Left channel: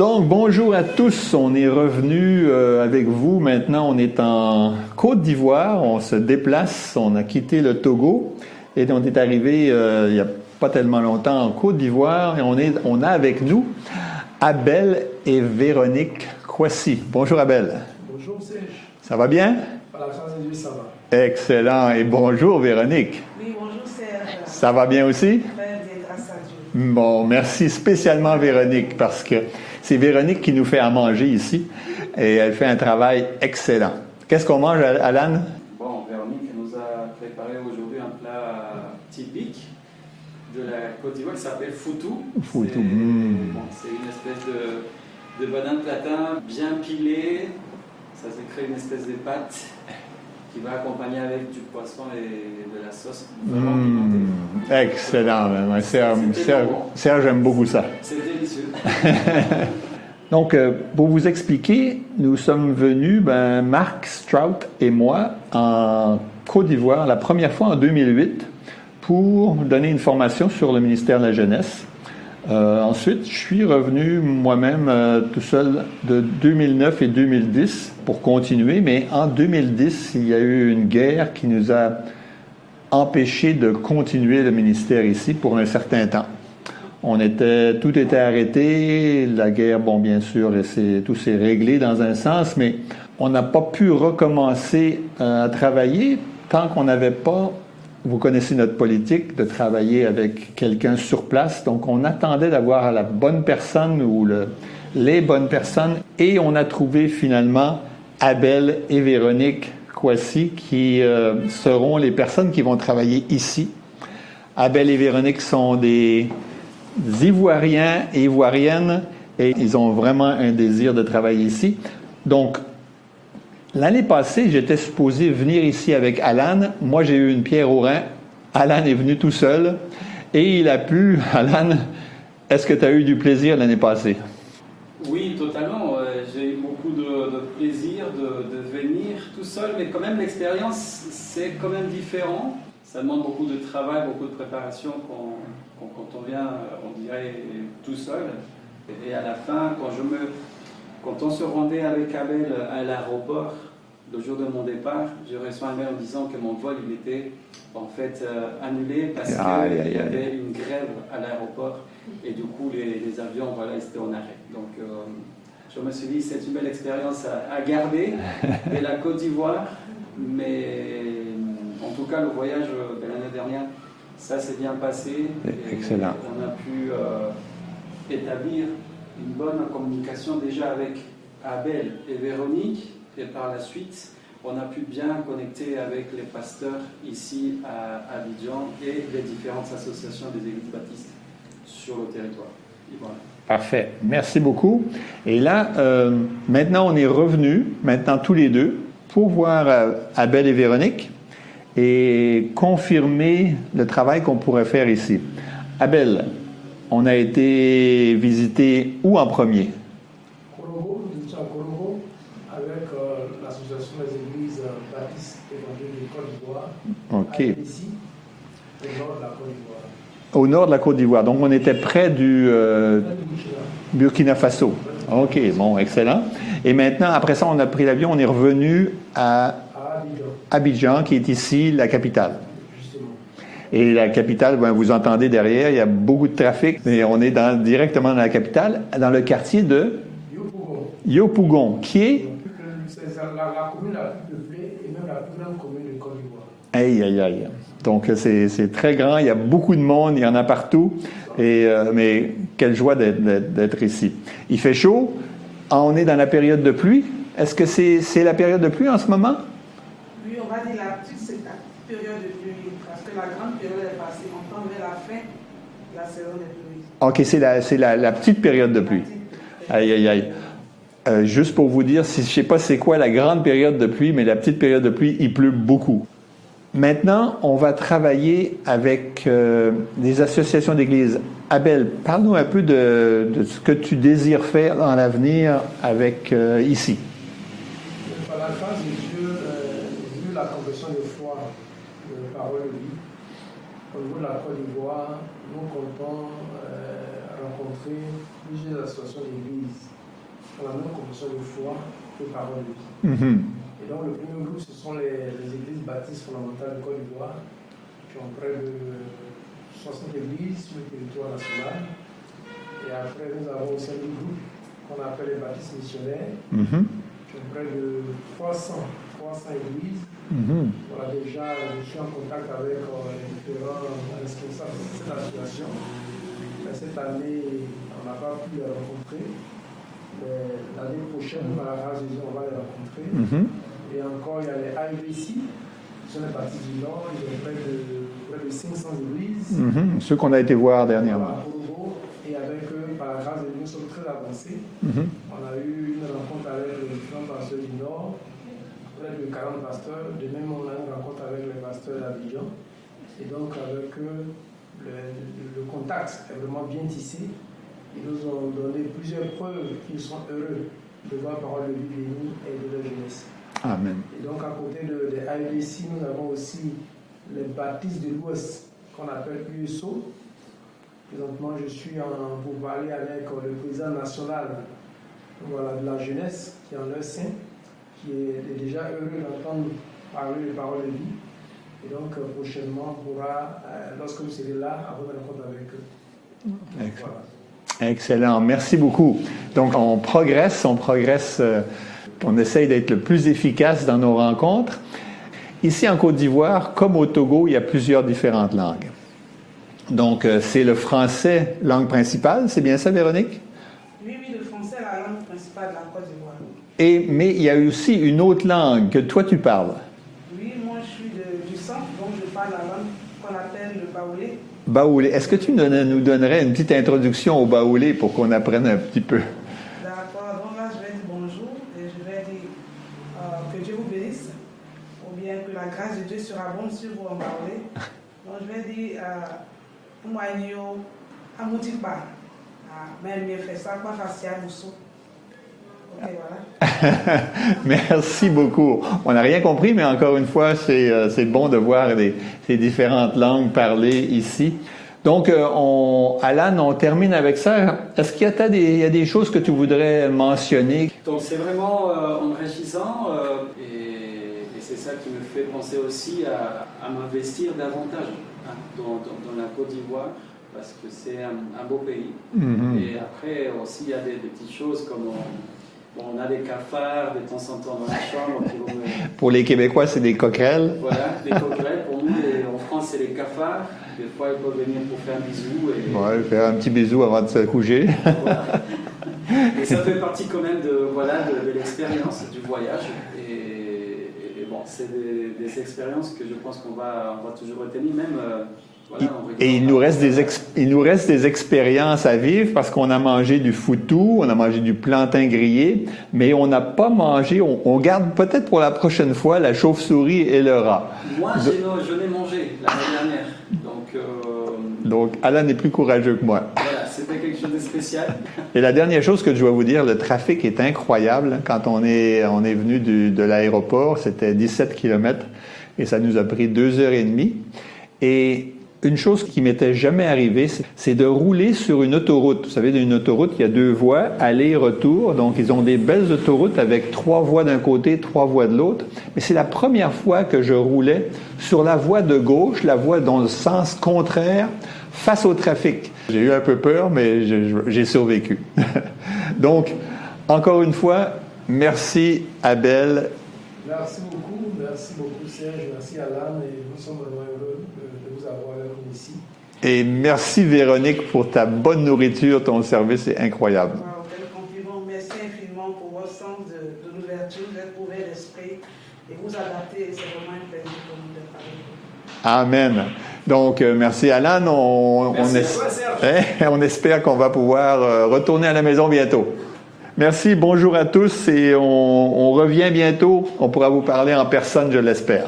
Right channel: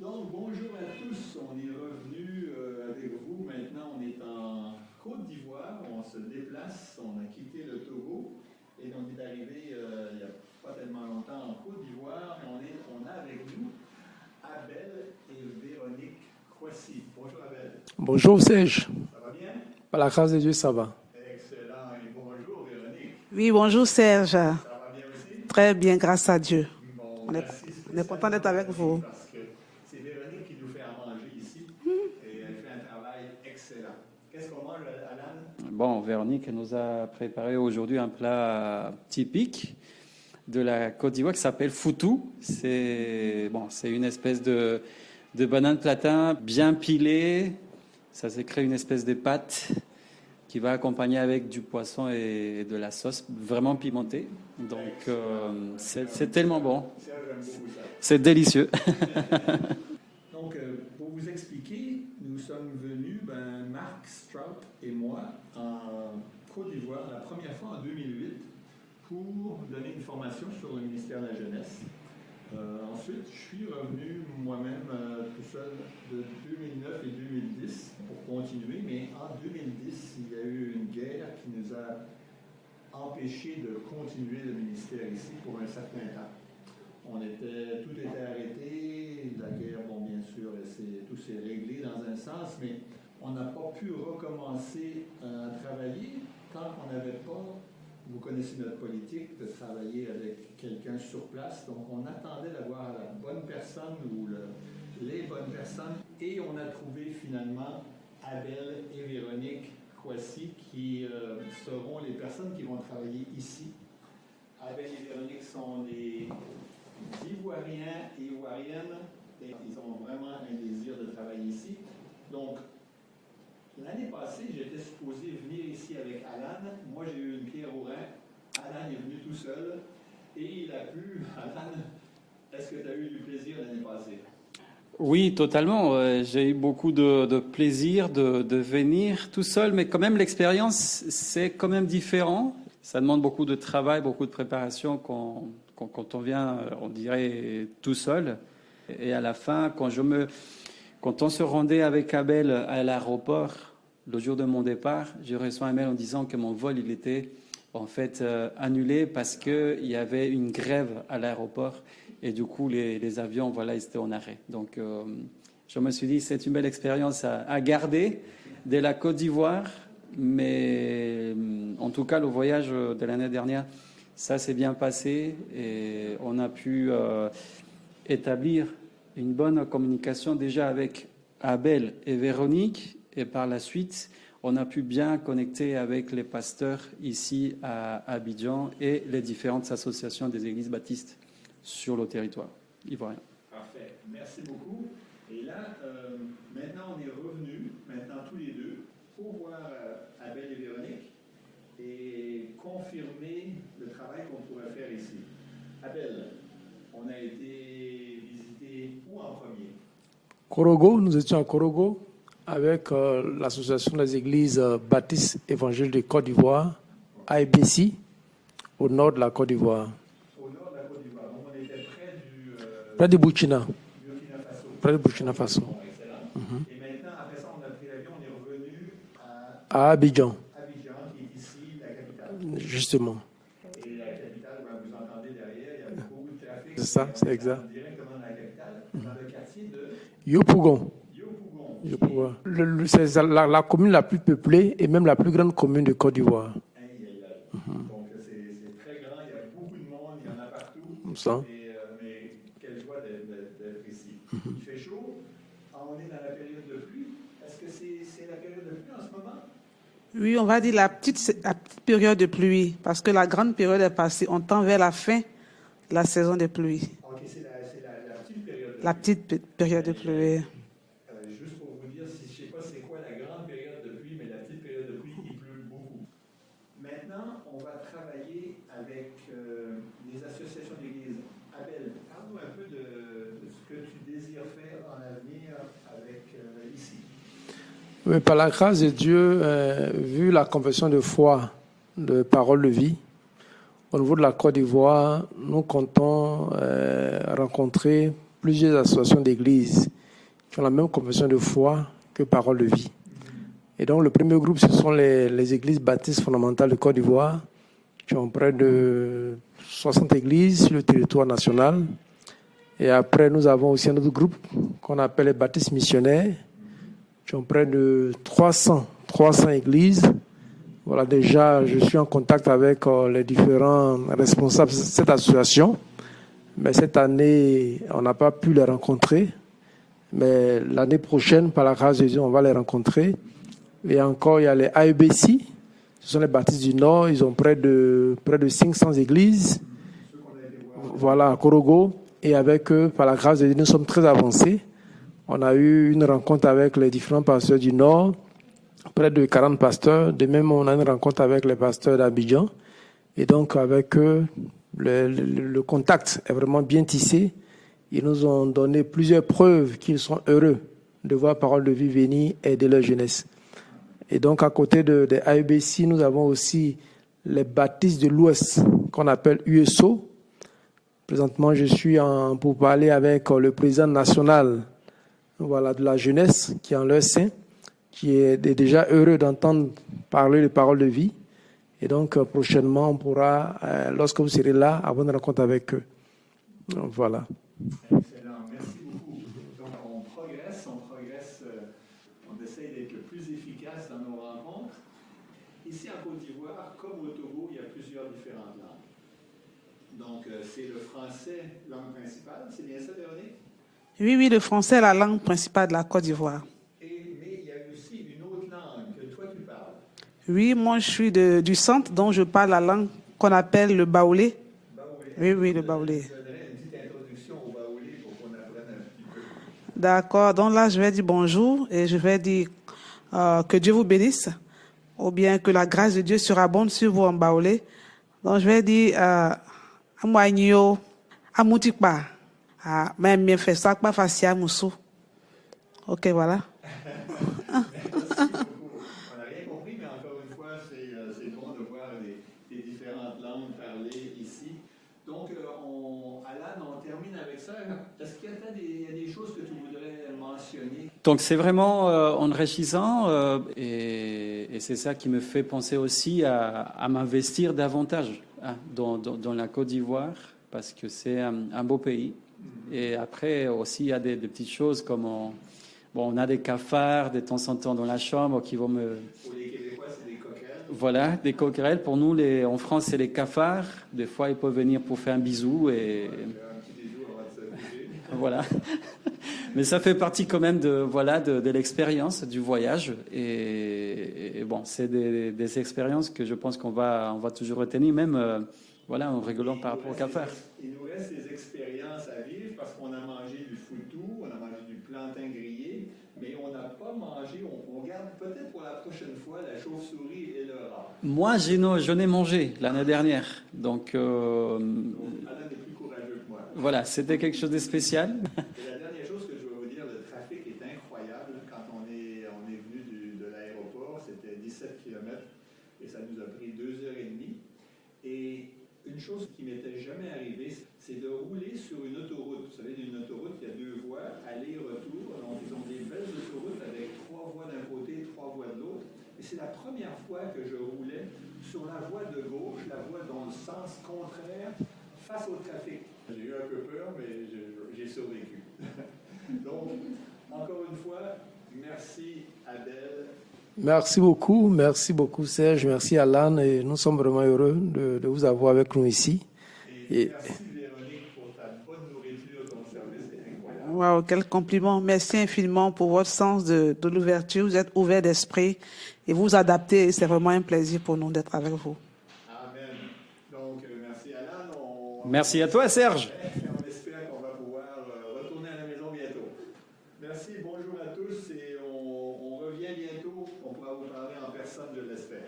Donc, bonjour à tous. On est revenu avec vous. Maintenant, on est en Côte d'Ivoire. On se déplace. On a quitté le Togo et on est arrivé il n'y a pas tellement longtemps en Côte d'Ivoire. Et on a avec nous Abel et Véronique Kwasi. Bonjour Abel. Bonjour Serge. Ça va bien? Par la grâce de Dieu, ça va. Excellent. Et bonjour Véronique. Oui, bonjour Serge. Ça va bien aussi? Très bien, grâce à Dieu. Bon, merci spécialement Véronique parce que c'est Véronique qui nous fait à manger ici et elle fait un travail excellent. Qu'est-ce qu'on mange, Alan? Bon, Véronique nous a préparé aujourd'hui un plat typique de la Côte d'Ivoire qui s'appelle foutou. C'est une espèce de banane platin bien pilée. Ça s'est créé une espèce de pâte qui va accompagner avec du poisson et de la sauce vraiment pimentée. Excellent. Serge, j'aime beaucoup ça. C'est délicieux. Donc, pour vous expliquer, nous sommes venus, Marc Strout et moi, en Côte d'Ivoire, la première fois en 2008, pour donner une formation sur le ministère de la Jeunesse. Ensuite, je suis revenu moi-même tout seul de 2009 et 2010 pour continuer, mais en 2010, il y a eu une guerre qui nous a empêchés de continuer le ministère ici pour un certain temps. Tout était arrêté, la guerre, bien sûr, tout s'est réglé dans un sens, mais on n'a pas pu recommencer à travailler tant qu'on n'avait pas, vous connaissez notre politique, de travailler avec quelqu'un sur place. Donc, on attendait d'avoir la bonne personne ou les bonnes personnes et on a trouvé finalement Abel et Véronique Kwasi qui seront les personnes qui vont travailler ici. Abel et Véronique sont des Ivoiriens et Ivoiriennes et ils ont vraiment un désir de travailler ici. Donc, l'année passée, j'étais supposé venir ici avec Alan. Moi, j'ai eu une pierre au rein. Alan est venu tout seul et il a pu. Alan, est-ce que tu as eu du plaisir l'année passée? Oui, totalement. J'ai eu beaucoup de plaisir de venir tout seul, mais quand même l'expérience, c'est quand même différent. Ça demande beaucoup de travail, beaucoup de préparation quand on vient, on dirait, tout seul. Et à la fin, quand on se rendait avec Abel à l'aéroport, le jour de mon départ, je reçois un mail en disant que mon vol il était en fait annulé parce qu'il y avait une grève à l'aéroport et du coup les avions ils étaient en arrêt. Donc je me suis dit c'est une belle expérience à garder de la Côte d'Ivoire, mais en tout cas le voyage de l'année dernière, ça s'est bien passé et excellent. On a pu établir une bonne communication déjà avec Abel et Véronique et par la suite on a pu bien connecter avec les pasteurs ici à Abidjan et les différentes associations des églises baptistes sur le territoire. Et voilà. Parfait. Merci beaucoup. Et là, maintenant on est revenus, maintenant tous les deux, pour voir Abel et Véronique et confirmer le travail qu'on pourrait faire ici. Abel, on a été visiter où en premier? Korogo, nous étions à Korogo avec l'association des églises baptistes évangéliques de Côte d'Ivoire, AEPC, au nord de la Côte d'Ivoire. Au nord de la Côte d'Ivoire. Donc, on était près du... près de Burkina Faso. OK, bon, excellent. Et maintenant, après ça, on a pris l'avion, on est revenu à Abidjan. Abidjan, qui est ici, la capitale. Justement. Et la capitale, vous entendez derrière, il y a beaucoup de trafic, mais on est directement dans la capitale, dans le quartier de... Yopougon, qui est... C'est la commune la plus peuplée et même la plus grande commune de Côte d'Ivoire. Aïe, aïe, aïe. Donc, c'est très grand, il y a beaucoup de monde, il y en a partout. Mais quelle joie d'être ici. Il fait chaud, on est dans la période de pluie. Est-ce que c'est la période de pluie en ce moment? Oui, on va dire la petite période de pluie, parce que la grande période est passée. On tend vers la fin de la saison de pluie. OK, c'est la petite période de pluie. La petite période aïe, aïe, aïe. Juste pour vous dire, je ne sais pas c'est quoi la grande période de pluie, mais la petite période de pluie, il pleut beaucoup. Maintenant, on va travailler avec des associations d'églises. Abel, parle-nous un peu de ce que tu désires faire dans l'avenir avec ici. Oui, par la grâce de Dieu, vu la confession de foi de Parole de Vie, au niveau de la Côte d'Ivoire, nous comptons rencontrer plusieurs associations d'églises qui ont la même confession de foi que Parole de vie. Et donc, le premier groupe, ce sont les églises baptistes fondamentales de Côte d'Ivoire, qui ont près de 60 églises sur le territoire national. Et après, nous avons aussi un autre groupe qu'on appelle les baptistes missionnaires, qui ont près de 300 églises. Voilà, déjà, je suis en contact avec les différents responsables de cette association. Mais cette année, on n'a pas pu les rencontrer. Mais l'année prochaine, par la grâce de Dieu, on va les rencontrer. Et encore, il y a les AEBC. Ce sont les baptistes du Nord. Ils ont près de 500 églises. Ceux qu'on a été voir dernièrement. Voilà, à Korogo. Et avec eux, par la grâce de Dieu, nous sommes très avancés. On a eu une rencontre avec les différents pasteurs du Nord, près de 40 pasteurs. De même, on a une rencontre avec les pasteurs d'Abidjan. Et donc, avec eux, le contact est vraiment bien tissé. Ils nous ont donné plusieurs preuves qu'ils sont heureux de voir Parole de vie venir aider leur jeunesse. Amen. Et donc, à côté des AEBC, nous avons aussi les baptistes de l'Ouest, qu'on appelle USO. Présentement, je suis pour parler avec le président national de la jeunesse qui est en leur sein, qui est déjà heureux d'entendre parler de Parole de vie. Et donc, prochainement, on pourra, lorsque vous serez là, avoir une rencontre avec eux. Donc, voilà. Excellent, merci beaucoup. Donc, on progresse, on essaye d'être le plus efficace dans nos rencontres. Ici, en Côte d'Ivoire, comme au Togo, il y a plusieurs différentes langues. Donc, c'est le français, langue principale, c'est bien ça, Véronique? Oui, le français est la langue principale de la Côte d'Ivoire. Mais il y a aussi une autre langue que toi, tu parles. Oui, moi, je suis du centre, donc je parle la langue qu'on appelle le baoulé. Baoulé. Est-ce que tu nous donnerais une petite introduction au baoulé pour qu'on apprenne un petit peu? D'accord. Donc là, je vais dire bonjour et je vais dire que Dieu vous bénisse ou bien que la grâce de Dieu surabonde sur vous en baoulé. Donc, je vais dire Amouagno, Amoutikpa, même bien fait ça, pas facile à Moussou. Ok, voilà. Merci beaucoup. On n'a rien compris, mais encore une fois, c'est bon de voir ces différentes langues parlées ici. Donc, Alan, on termine avec ça. Est-ce qu'il y a des choses que tu voudrais mentionner? Donc, c'est vraiment enrichissant et c'est ça qui me fait penser aussi à m'investir davantage dans la Côte d'Ivoire parce que c'est un beau pays. Et après, aussi, il y a des petites choses comme... on a des cafards de temps en temps dans la chambre qui vont me... Pour les Québécois, c'est des coquerelles. Voilà, des coquerelles. Pour nous, en France, c'est les cafards. Des fois, ils peuvent venir pour faire un bisou. Ouais, faire un petit bisou avant de se coucher. Voilà. Mais ça fait partie quand même de l'expérience du voyage. Et bon, c'est des expériences que je pense qu'on va toujours retenir, même... Et il nous reste des expériences à vivre parce qu'on a mangé du foutou, on a mangé du plantain grillé, mais on n'a pas mangé, on garde peut-être pour la prochaine fois la chauve-souris et le rat. Moi, je n'ai mangé l'année dernière. Donc, Alan est plus courageux que moi. Voilà, c'était quelque chose de spécial. Et la dernière chose que je dois vous dire, le trafic est incroyable. Quand on est venu de l'aéroport, c'était 17 km et ça nous a pris 2h30. Et une chose qui m'était jamais arrivée, c'est de rouler sur une autoroute. Vous savez, une autoroute, il y a 2 voies, aller-retour. Donc, ils ont des belles autoroutes avec 3 voies d'un côté, 3 voies de l'autre. Mais c'est la première fois que je roulais sur la voie de gauche, la voie dans le sens contraire, face au trafic. J'ai eu un peu peur, mais j'ai survécu. Donc, encore une fois, merci Abel. Merci beaucoup Serge, merci Alan et nous sommes vraiment heureux de vous avoir avec nous ici. Et merci Véronique pour ta bonne nourriture, ton service est incroyable. Wow, quel compliment. Merci infiniment pour votre sens de l'ouverture, vous êtes ouvert d'esprit et vous adaptez et c'est vraiment un plaisir pour nous d'être avec vous. Amen. Donc, merci Alan. Merci à toi Serge. On espère qu'on va pouvoir retourner à la maison bientôt. Merci, bonjour à tous et on revient bientôt. On pourra vous parler en personne, je l'espère.